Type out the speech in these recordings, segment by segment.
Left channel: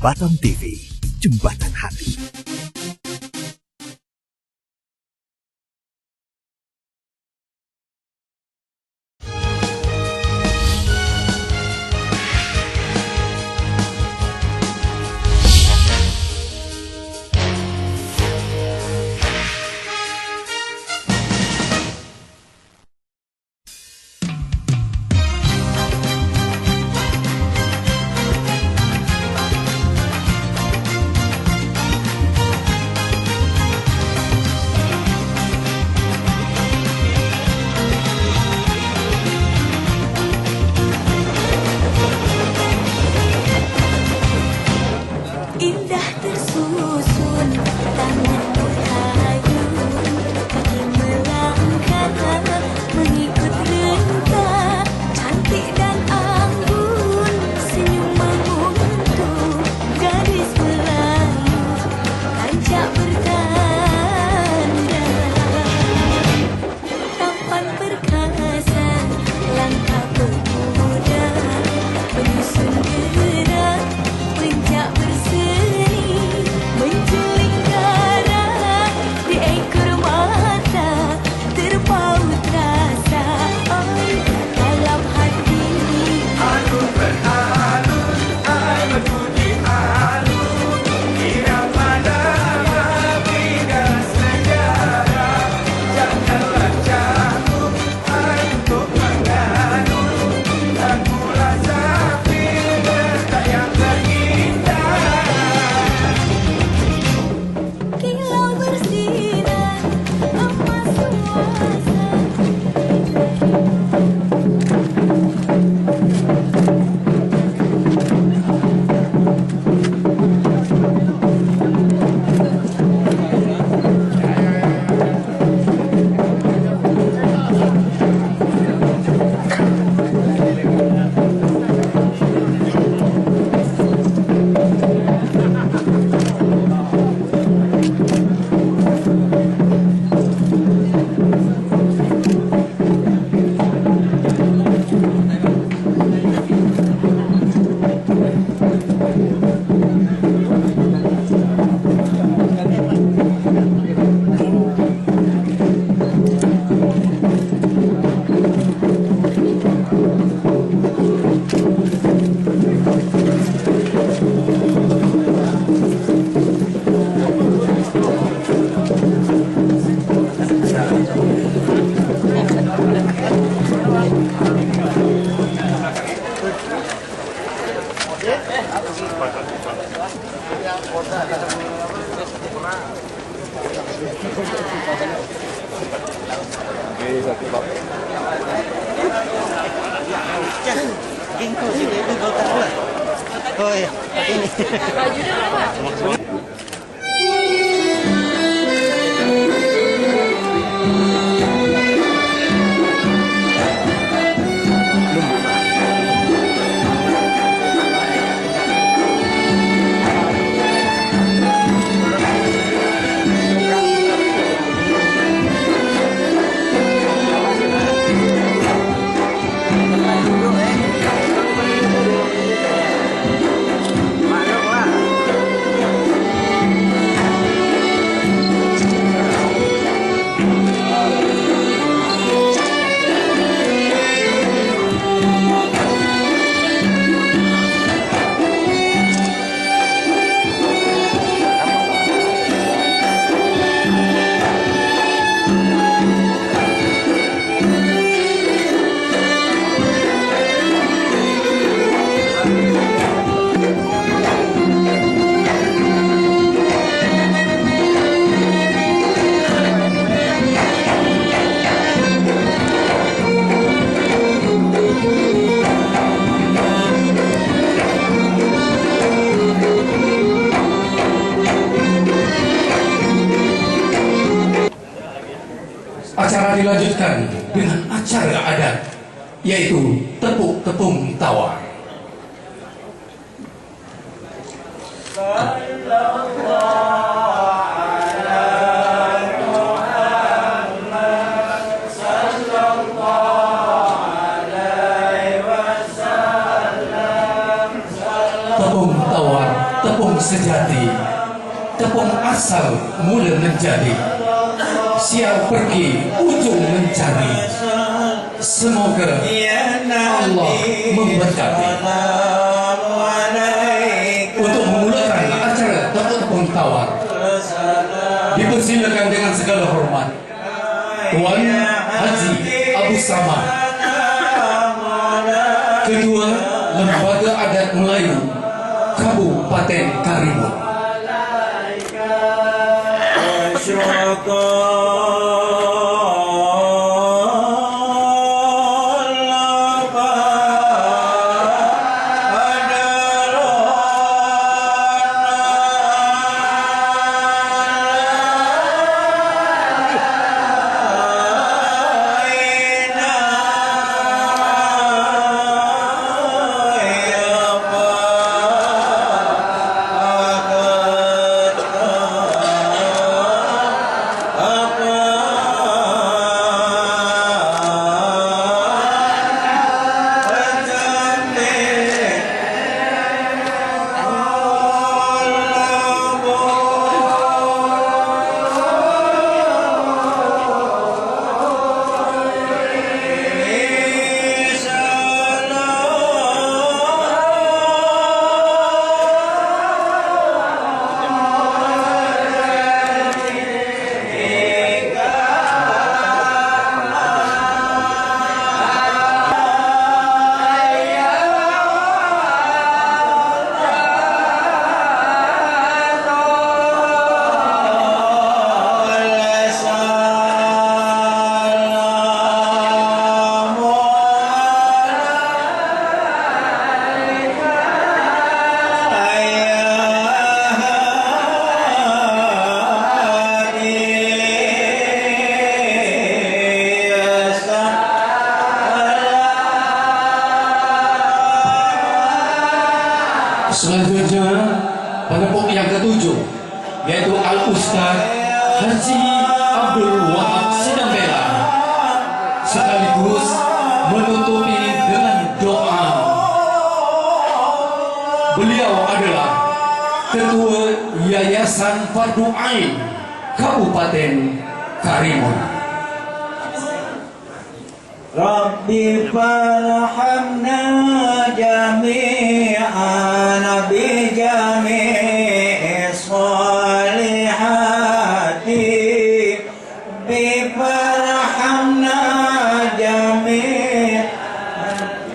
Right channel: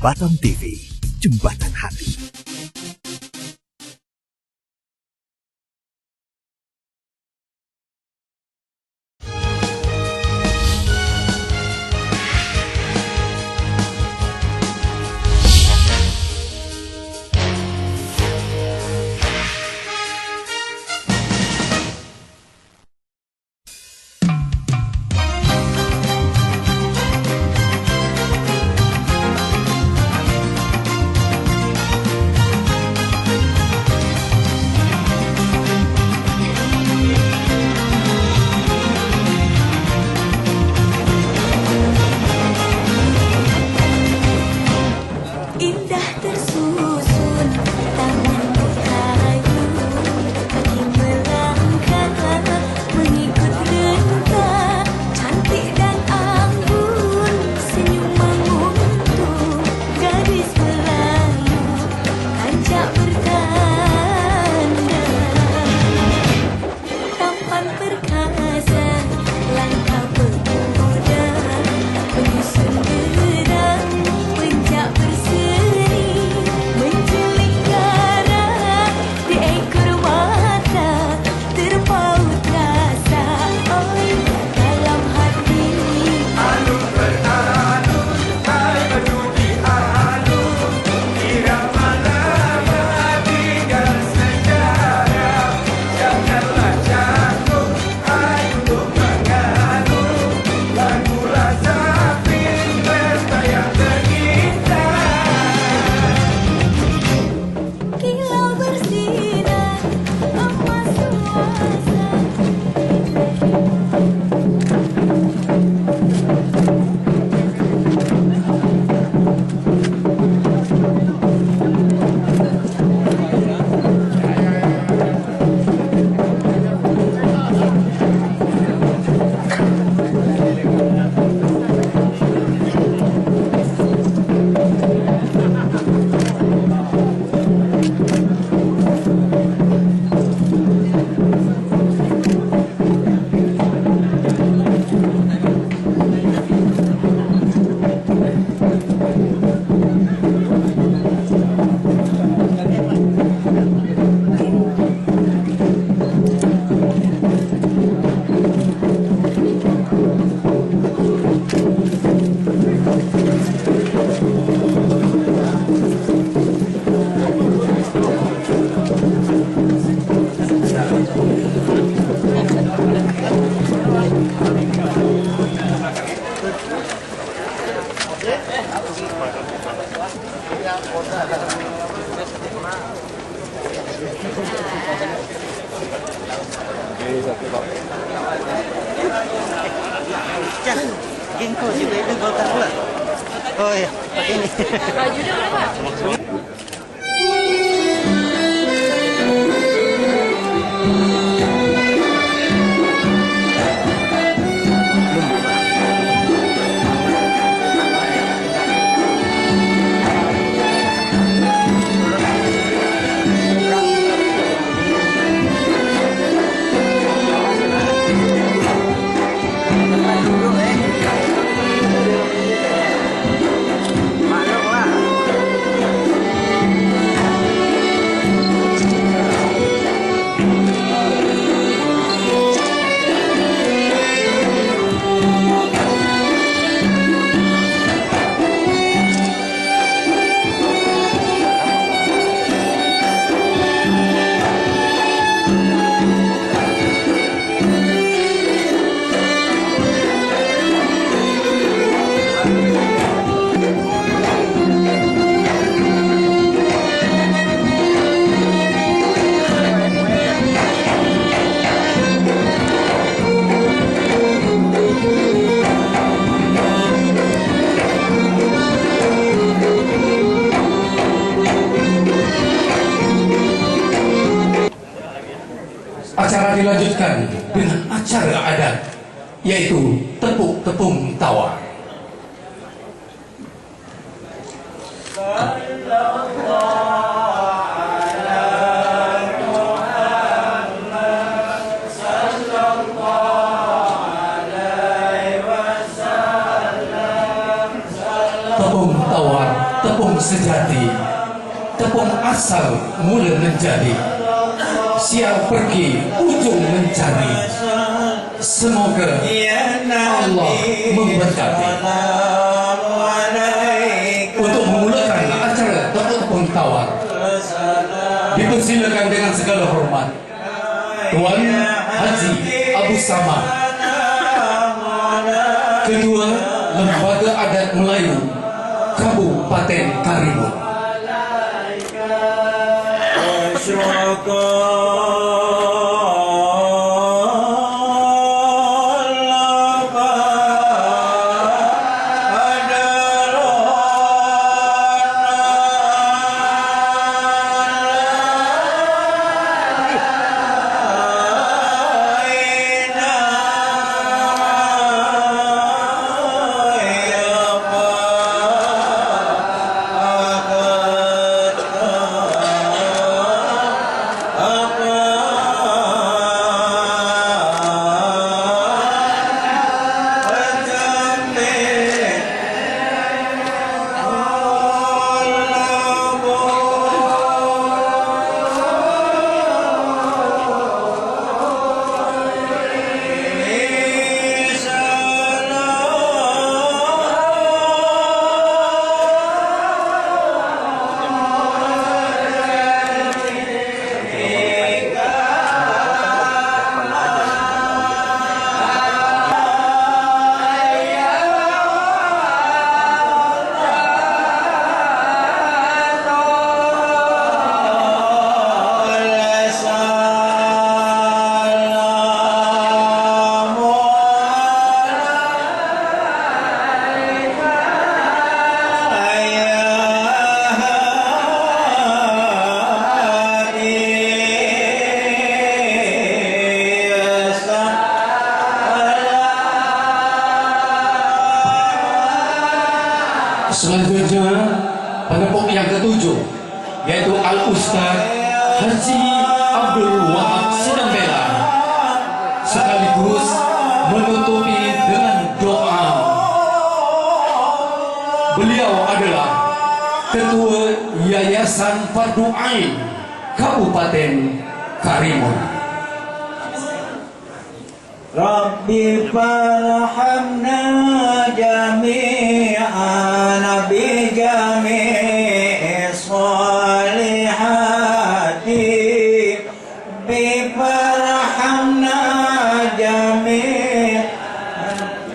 Jembatan TV, Jembatan Hati. Indah tersusun tanganmu kayu, kaki melangkah mengikut rentah, cantik dan anggun, senyum menguntung, gadis Melayu, kancak bertanda, tampan perkasa, langkah pemuda, penyusun gerak, pencak berseri, menculik darah di ekor mata, terpaut rasa, oi, dalam hati. Alun beralun, alun di alun, irama lagi dan sejarah, janganlah jatuh, ayo untuk menganut, lagu rasa bergaya berindah. Kilau bersinar, emas suasa. Ginkgo juga itu golkar pula. Oh iya, pakai ini. Baju dia berapa? Acara dilanjutkan dengan acara adat, yaitu tepuk tepung tawar. tepung asal mula menjadi, siap pergi ujung mencari. Semoga Allah memberkati. Untuk memulakan acara tepung tawar, dipersilakan dengan segala hormat Tuan Haji Abu Samad, Ketua Lembaga Adat Melayu Kabupaten Karimun. Selanjutnya penepuk yang ketujuh, yaitu Al-Ustaz Haji Abdul Wahab Sidambela, sekaligus menutupi dengan doa. Beliau adalah Ketua Yayasan Fardu Ain Kabupaten Karimun. Rabbi farhamna jami'an bi jami'i salihati, bi farhamna jami'an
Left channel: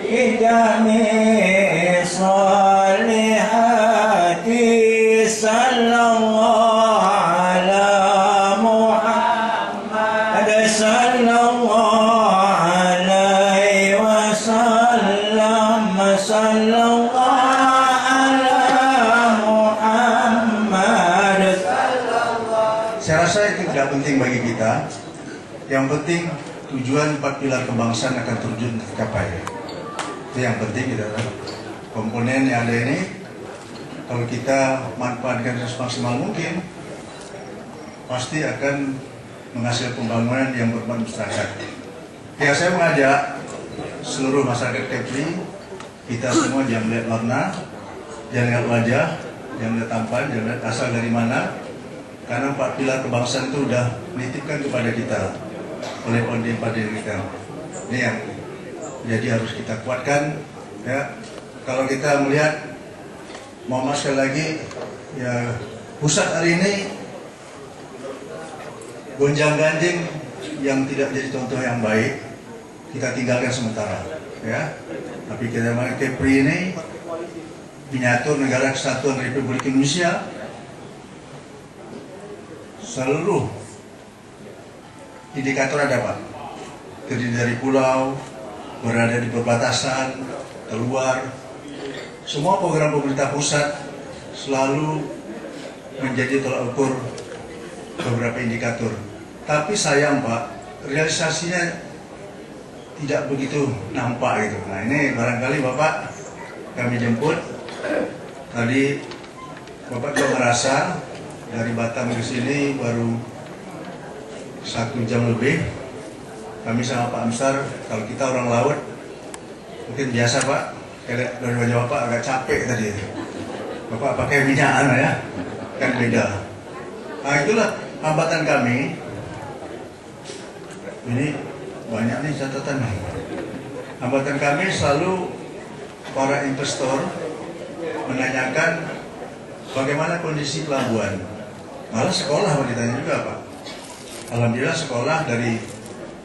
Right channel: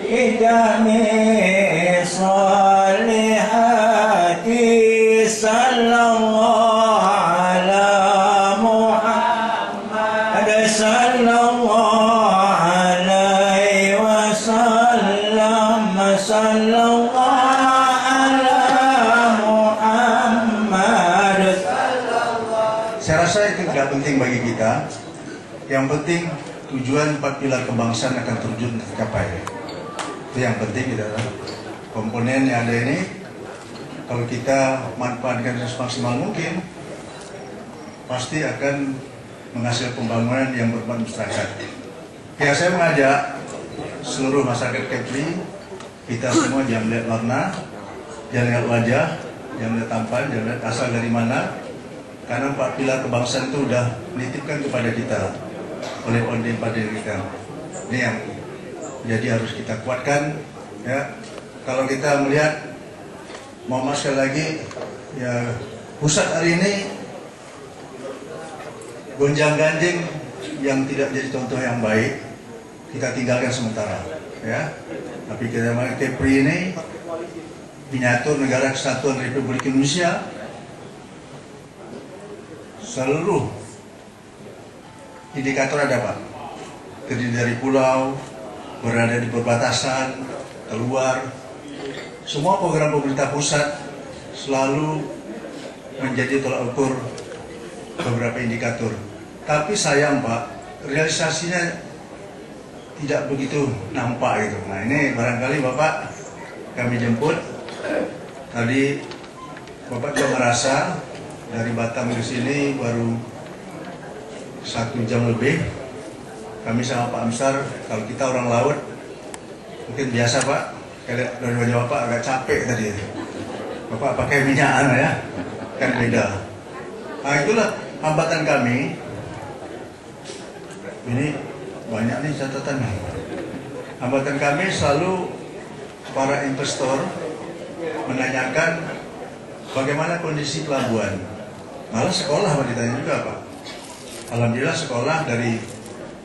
bi jami'i salihati. Sallallahu ala Muhammad sallallahu sallallahu ala Muhammad. Saya rasa itu tidak penting bagi kita. Yang penting tujuan 4 pilar kebangsaan akan terwujud tercapai. Itu yang penting adalah komponen yang ada ini. Kalau kita manfaatkan semaksimal mungkin, pasti akan menghasilkan pembangunan yang bermanfaat. Ya, saya mengajak seluruh masyarakat Kepri, kita semua jangan lihat warna, jangan lihat wajah, jangan lihat tampan, jangan lihat asal dari mana. Karena 4 pilar kebangsaan itu sudah menitipkan kepada kita oleh ondel-ondel kita. Ini yang jadi harus kita kuatkan. Ya, kalau kita melihat, Muhammad sekali lagi, ya pusat hari ini gonjang-ganjing yang tidak jadi contoh yang baik, kita tinggalkan sementara. Ya, tapi kita Kepri ini miniatur Negara Kesatuan Republik Indonesia, seluruh indikator ada Pak, terdiri dari pulau, berada di perbatasan, keluar, semua program pemerintah pusat selalu menjadi tolak ukur beberapa indikator. Tapi sayang Pak, realisasinya tidak begitu nampak gitu. Nah ini barangkali Bapak kami jemput tadi, Bapak juga merasa dari Batam ke sini baru 1 jam lebih. Kami sama Pak Amsar, kalau kita orang laut mungkin biasa Pak, kayak dari wajah Bapak agak capek tadi. Bapak pakai minyak ya, kan beda. Nah itulah hambatan kami. Ini banyak nih catatan. Hambatan kami selalu para investor menanyakan bagaimana kondisi pelabuhan. Malah sekolah ditanya juga Pak. Alhamdulillah sekolah dari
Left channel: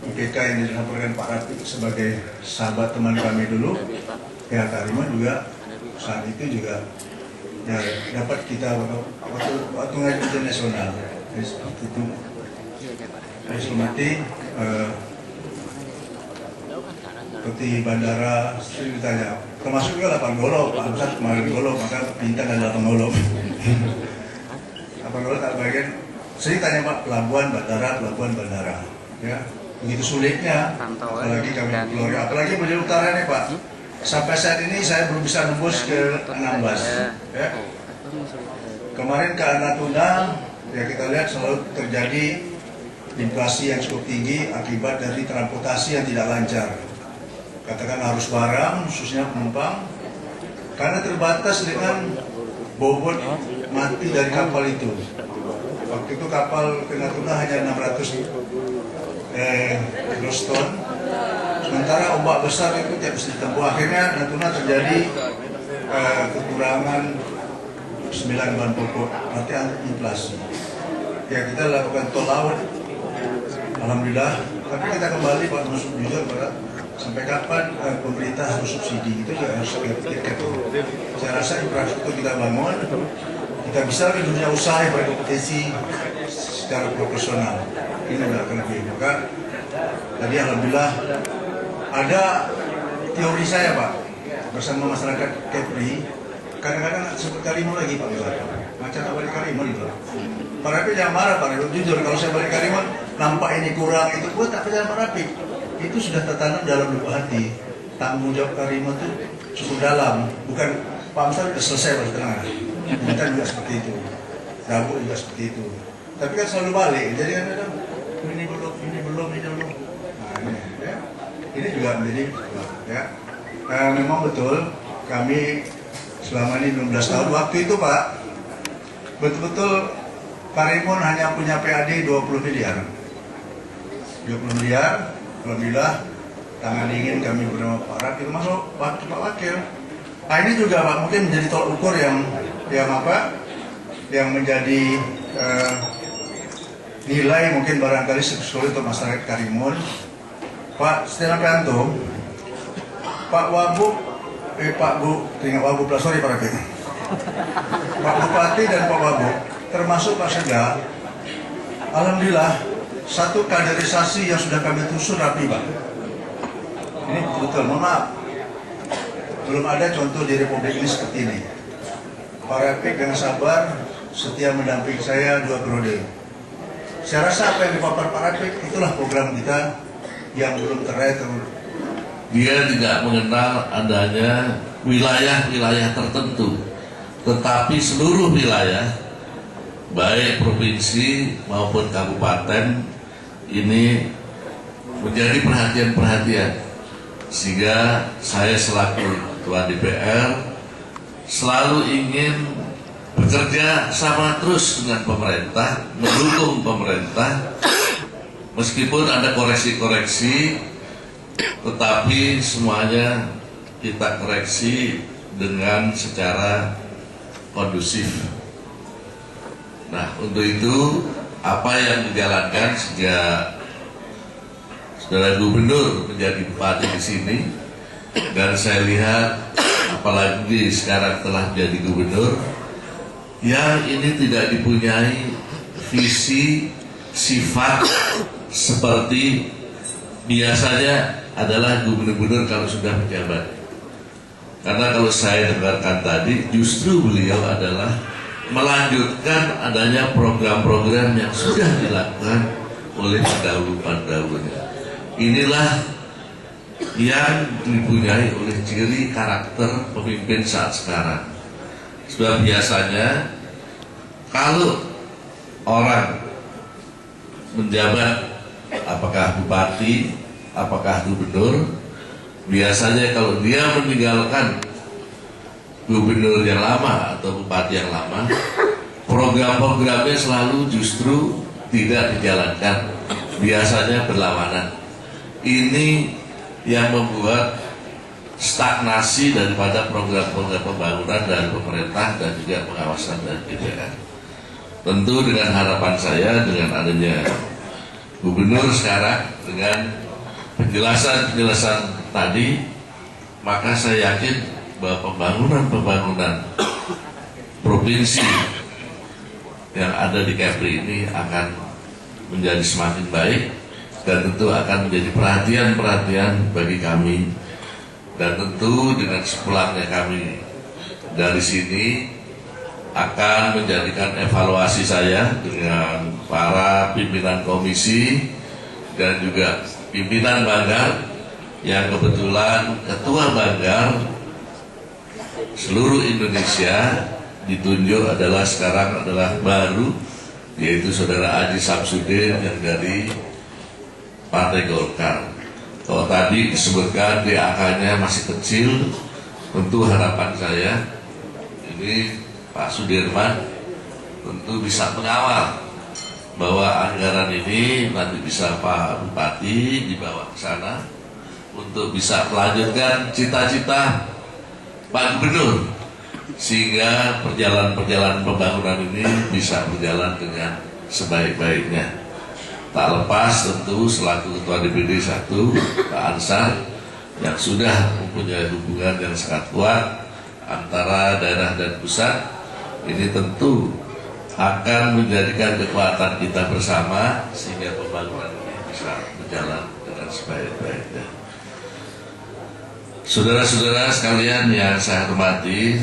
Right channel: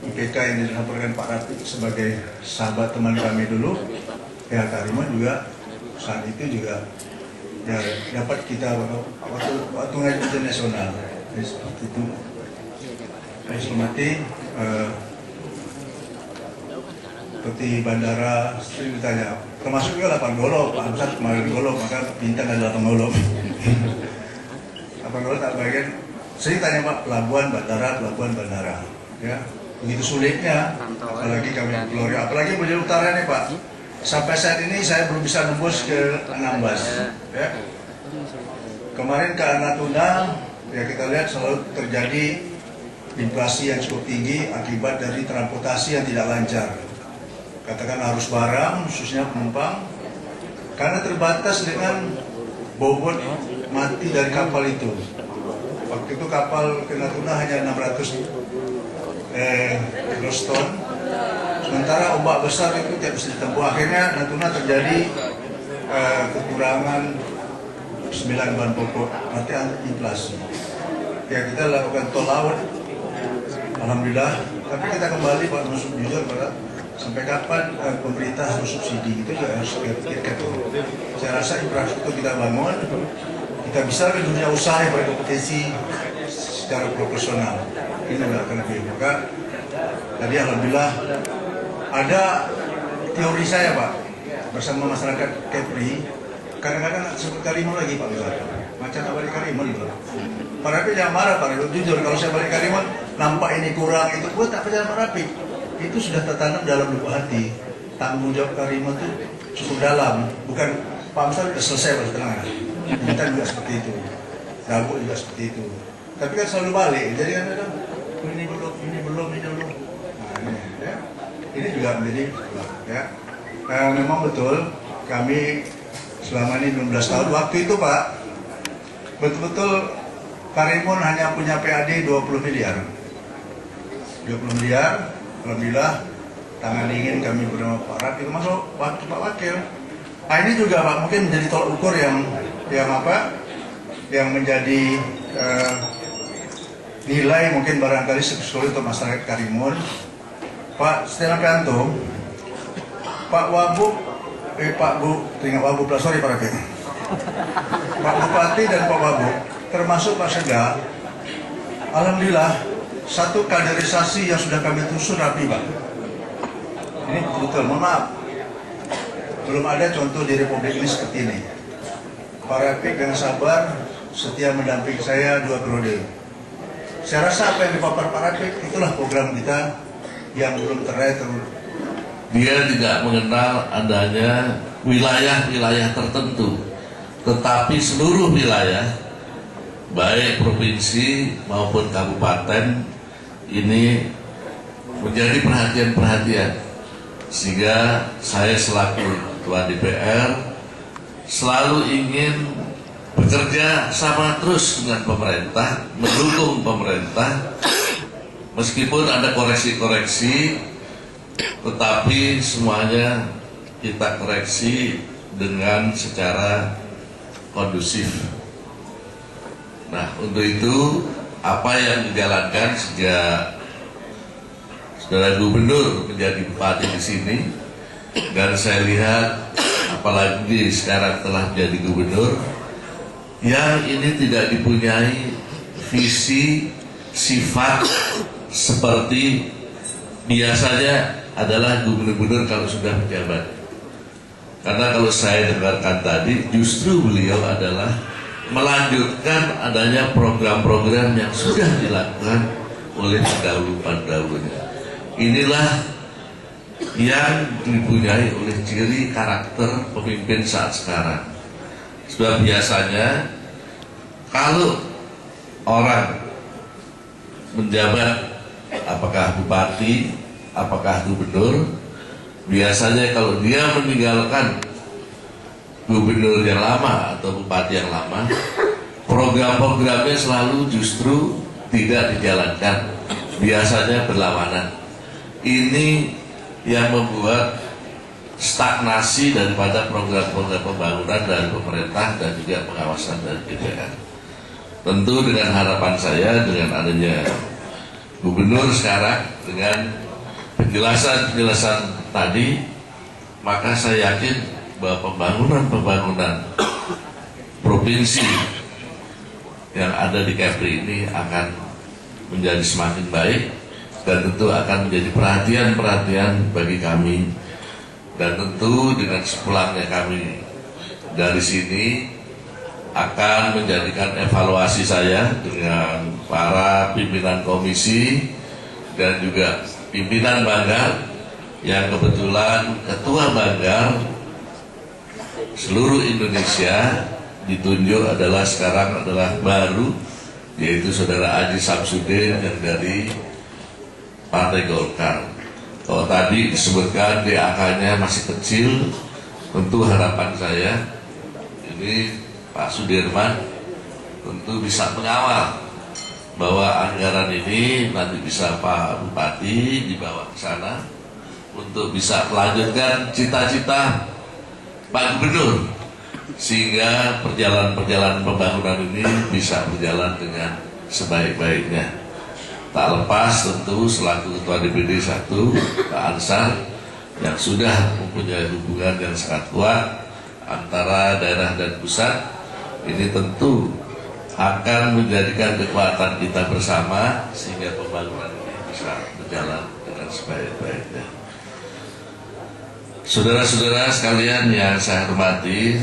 IPK yang dilaporkan Pak Rafiq sebagai sahabat teman kami dulu, ya Karimon juga saat itu juga ya dapat kita waktu ngaji internasional. Jadi seperti itu. Saya hormati seperti bandara sering ditanya, termasuk juga 8 Golo, Pak Amsar kemarin Golo, maka bintang ada 8 Golo. 8 Golo tak bagian, sering tanya Pak, pelabuhan bandara, ya begitu sulitnya, apalagi kami keluar, apalagi Beliau Utara nih Pak, sampai saat ini saya belum bisa nembus ke Anambas, ya. Kemarin ke Natuna, ya kita lihat selalu terjadi inflasi yang cukup tinggi akibat dari transportasi yang tidak lancar. Katakan arus barang, khususnya penumpang, karena terbatas dengan bobot mati dari kapal itu. Waktu itu kapal ke Natuna hanya 600 groston, sementara ombak besar itu tidak bisa ditempuh. Akhirnya Natuna terjadi kekurangan 9 bahan pokok, nanti inflasi. Ya kita lakukan tol laut, alhamdulillah. Tapi kita kembali Pak Masuk jujur Pak, sampai kapan pemerintah harus subsidi itu juga harus kita pikirkan. Saya rasa infrastruktur kita bangun, kita bisa ke dunia usaha yang berkompetisi secara proporsional. Ini juga akan lebih. Maka tadi alhamdulillah ada teori saya Pak bersama masyarakat Kepri. Kadang-kadang sebut Karimun lagi Pak Misalnya. Macam tak balik Karimun itu. Pak Rafiq jangan marah Pak Rafiq. Jujur kalau saya balik Karimun nampak ini kurang itu, buat tak percaya Pak Rafiq. Itu sudah tertanam dalam lubuk hati. Tanggung jawab Karimun itu cukup dalam. Bukan Pak Amsar sudah selesai Pak setengah. Kita juga seperti itu. Dabu juga seperti itu. Tapi kan selalu balik. Jadi kan ini belum. Nah ini ya. Ini juga menjadi ya. Memang betul kami selama ini 16 tahun. Waktu itu Pak, betul-betul Karimun hanya punya PAD 20 miliar. 20 miliar, alhamdulillah tangan dingin kami bernama Pak Rafiq masuk Pak Wakil. Nah ini juga Pak mungkin menjadi tolak ukur yang menjadi nilai mungkin barangkali sulit untuk masyarakat Karimun. Pak Setia Novanto, Pak Wabub, Pak Bu, tinggal Wabub lah, sorry Pak Rafiq. Pak Bupati dan Pak Wabub, termasuk Pak Sega, alhamdulillah satu kaderisasi yang sudah kami susun rapi Pak. Ini betul, mohon maaf, belum ada contoh di Republik ini seperti ini. Pak Rafiq dengan sabar setia mendampingi saya 2 periode. Saya rasa apa yang dipaparkan Pak Rafiq itulah program kita yang belum teraih. Dia tidak mengenal adanya wilayah-wilayah tertentu, tetapi seluruh wilayah, baik provinsi maupun kabupaten, ini menjadi perhatian-perhatian. Sehingga saya selaku Ketua DPR selalu ingin bekerja sama terus dengan pemerintah, mendukung pemerintah, meskipun ada koreksi-koreksi, tetapi semuanya kita koreksi dengan secara kondusif. Nah, untuk itu apa yang dijalankan sejak Saudara Gubernur menjadi bupati di sini, dan saya lihat apalagi sekarang telah menjadi gubernur, yang ini tidak dipunyai visi sifat seperti biasanya adalah gubernur-gubernur kalau sudah menjabat. Karena kalau saya dengarkan tadi, justru beliau adalah melanjutkan adanya program-program yang sudah dilakukan oleh pendahulu-pendahulunya. Inilah yang dipunyai oleh ciri karakter pemimpin saat sekarang. Sebab biasanya kalau orang menjabat, apakah bupati, apakah gubernur, biasanya kalau dia meninggalkan gubernur yang lama atau bupati yang lama, program-programnya selalu justru tidak dijalankan, biasanya berlawanan. Ini yang membuat stagnasi daripada program-program pembangunan dari pemerintah dan juga pengawasan dari DPR. Tentu dengan harapan saya, dengan adanya gubernur sekarang, dengan penjelasan tadi, maka saya yakin bahwa pembangunan provinsi yang ada di Kepri ini akan menjadi semakin baik dan tentu akan menjadi perhatian bagi kami. Dan tentu dengan sepulangnya kami dari sini akan menjadikan evaluasi saya dengan para pimpinan komisi dan juga pimpinan Banggar, yang kebetulan ketua Banggar seluruh Indonesia ditunjuk sekarang adalah baru, yaitu saudara Aji Samsudin yang dari Partai Golkar. Kalau tadi disebutkan angkanya masih kecil, tentu harapan saya ini Pak Sudirman tentu bisa mengawal bahwa anggaran ini nanti bisa Pak Bupati dibawa ke sana untuk bisa melanjutkan cita-cita Pak Gubernur, sehingga perjalanan pembangunan ini bisa berjalan dengan sebaik-baiknya. Tak lepas tentu selaku Ketua DPD 1 Pak Ansar yang sudah mempunyai hubungan yang sangat kuat antara daerah dan pusat, ini tentu akan menjadikan kekuatan kita bersama sehingga pembangunan ini bisa berjalan dengan sebaik-baiknya. Saudara-saudara sekalian yang saya hormati,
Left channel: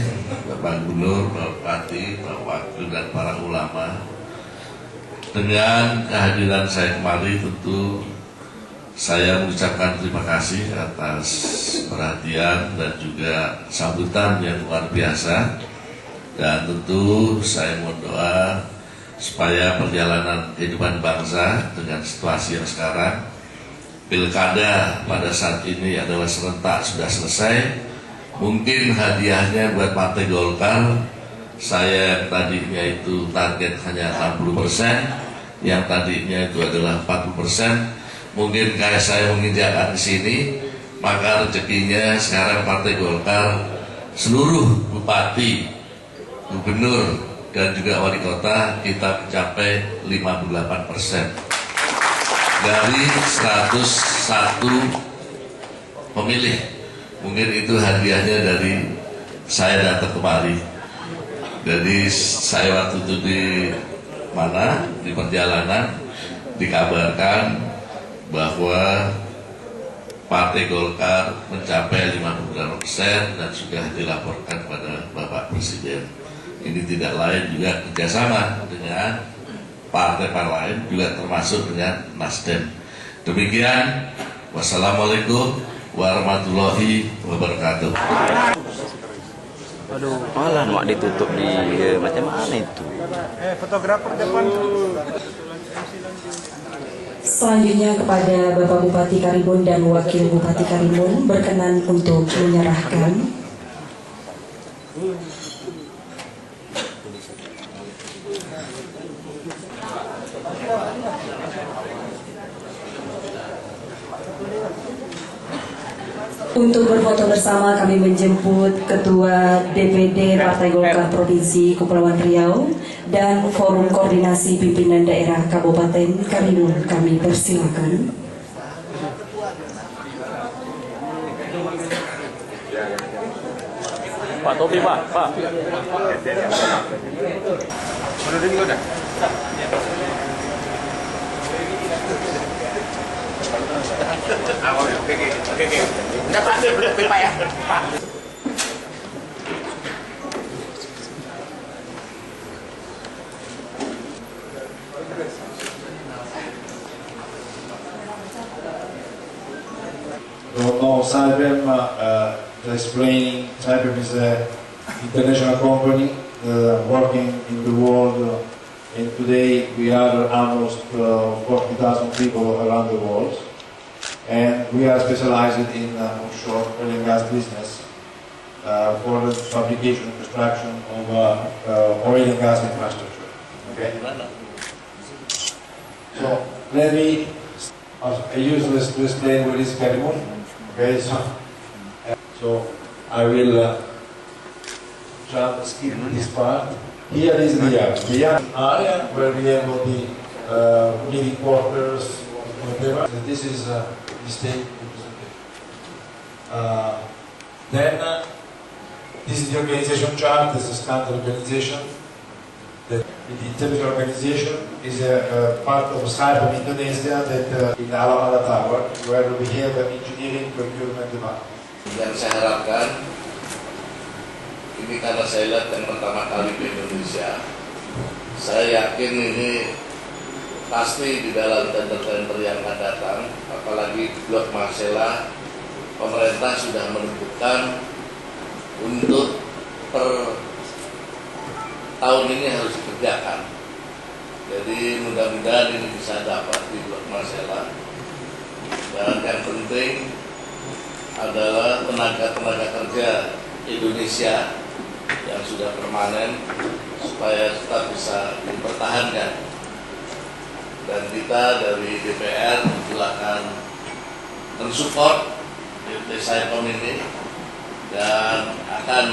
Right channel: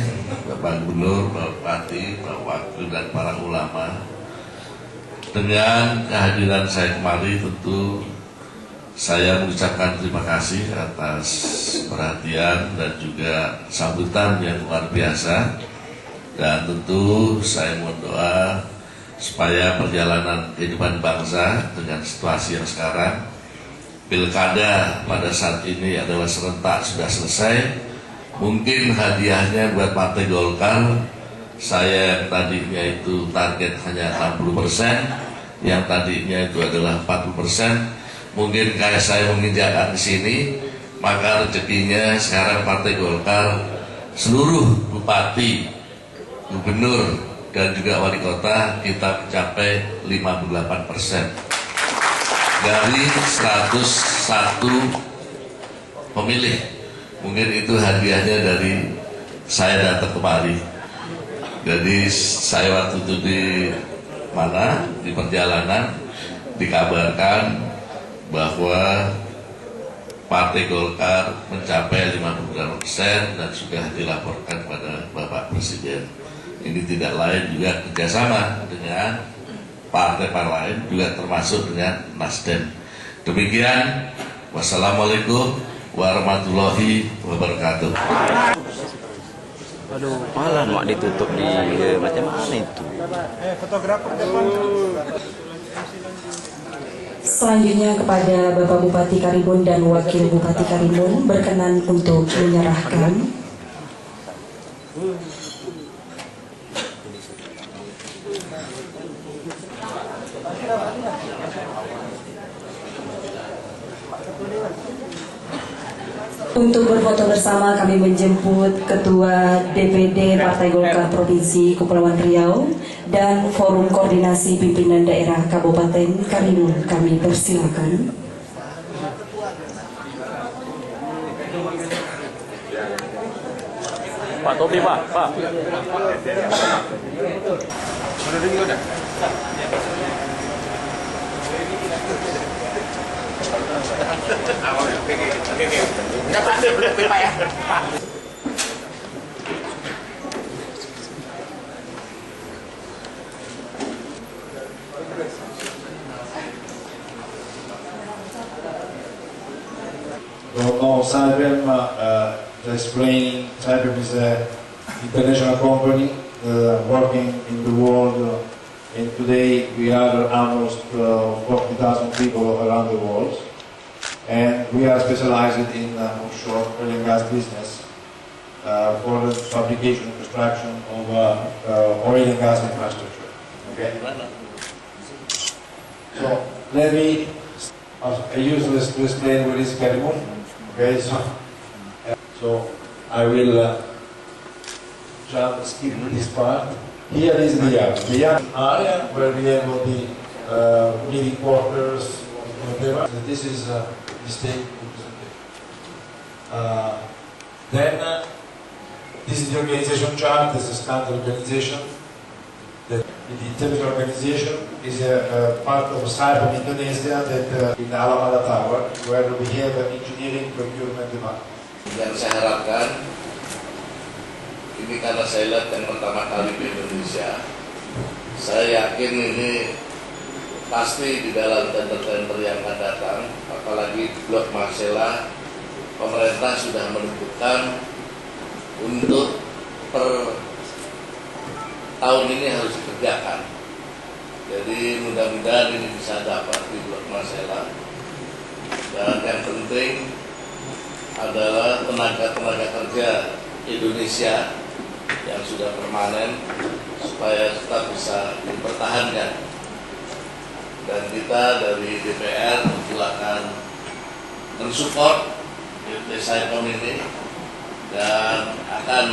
Bapak Gubernur, Bapak Bupati, Bapak Wakil dan para ulama, dengan kehadiran saya kemari tentu saya mengucapkan terima kasih atas perhatian dan juga sambutan yang luar biasa. Dan tentu saya mohon doa supaya perjalanan kehidupan bangsa dengan situasi yang sekarang, pilkada pada saat ini adalah serentak, sudah selesai. Mungkin hadiahnya buat Partai Golkar, saya yang tadinya itu target hanya 60%, yang tadinya itu adalah 40%. Mungkin kayak saya menginjakkan di sini, maka rezekinya sekarang Partai Golkar, seluruh bupati, gubernur dan juga wali kota kita mencapai 58% dari 101 pemilih. Mungkin itu hadiahnya dari saya datang kemari. Jadi saya waktu itu di perjalanan dikabarkan bahwa Partai Golkar mencapai 58% dan sudah dilaporkan pada Bapak Presiden. Ini tidak lain juga kerjasama dengan partai-partai lain, juga termasuk dengan Nasdem. Demikian, wassalamualaikum warahmatullahi wabarakatuh. Aduh, malah mak ditutup di macam mana itu? Fotografer depan. Selanjutnya kepada Bapak Bupati Karimun dan Wakil Bupati Karimun berkenan untuk menyerahkan Untuk berfoto bersama kami menjemput Ketua DPD Partai Golkar Provinsi Kepulauan Riau dan Forum Koordinasi Pimpinan Daerah Kabupaten Karimun. Kami persilakan. Pak Topi, Pak. Udah. Oke. Enggak Pak, boleh Pak ya. Pak. Saipem explaining, Saipem is an international company working in the world, and today we are almost 40,000 people around the world, and we are specialized in offshore oil and gas business. for the fabrication and construction of oil and gas infrastructure. Okay. So let me. I use this to explain what is Karimun. Okay. So I will skip this part. Here is the yard area where we have all the meeting quarters, whatever. This is the state representation. Then this is the organization chart. This is standard organization. The technical organization is a part of Saipem Indonesia that in Alamada Tower, where we have engineering, procurement, and marketing. Yang saya harapkan ini karena saya lihat yang pertama kali di Indonesia, saya yakin ini pasti di dalam tender-tender yang akan datang, apalagi di Blok Marcella, pemerintah sudah menentukan untuk per tahun ini harus dikerjakan. Jadi mudah-mudahan ini bisa dapat di Blok Marcella. Dan yang penting adalah tenaga-tenaga kerja Indonesia yang sudah permanen supaya tetap bisa dipertahankan. Dan kita dari DPR silakan mensupport Saipem ini dan akan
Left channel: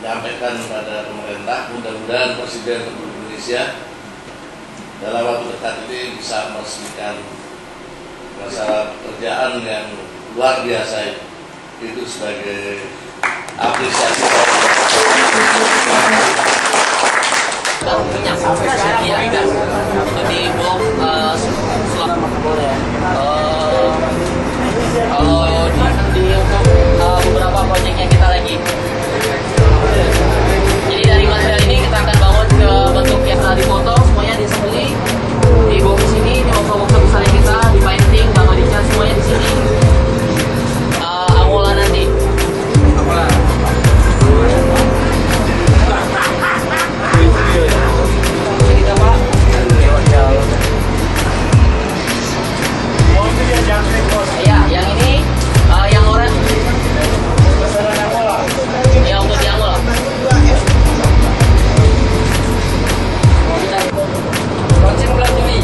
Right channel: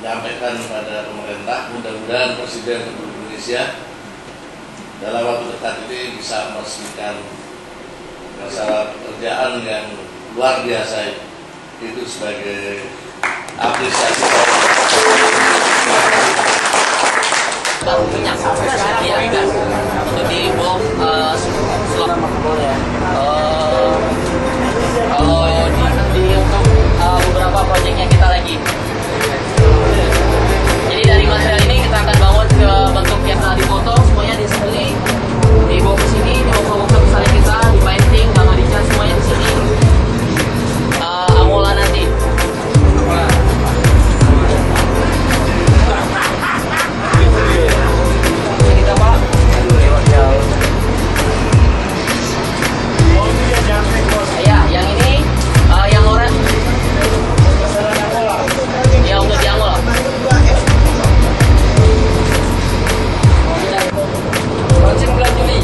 menyampaikan kepada pemerintah, mudah-mudahan Presiden Republik Indonesia dalam waktu dekat ini bisa meresmikan masalah pekerjaan yang luar biasa itu sebagai apresiasi. Minyak sampai sekarang ya gas untuk di bom di untuk beberapa proyeknya kita lagi. Jadi dari material ini kita akan bangun ke bentuk yang telah dipotong, semuanya diassembly, dibawa ke sini, dibawa ke workshop besar kita, di painting, sama dicat semuanya di sini. Amola nanti. Amola. Kita Pak. Ya, yang ini yang orang. Ya untuk di Amola. Launching bulan Juli.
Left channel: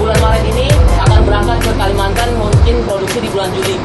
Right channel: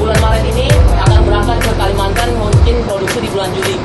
Bulan Maret ini akan berangkat ke Kalimantan, mungkin produksi di bulan Juli.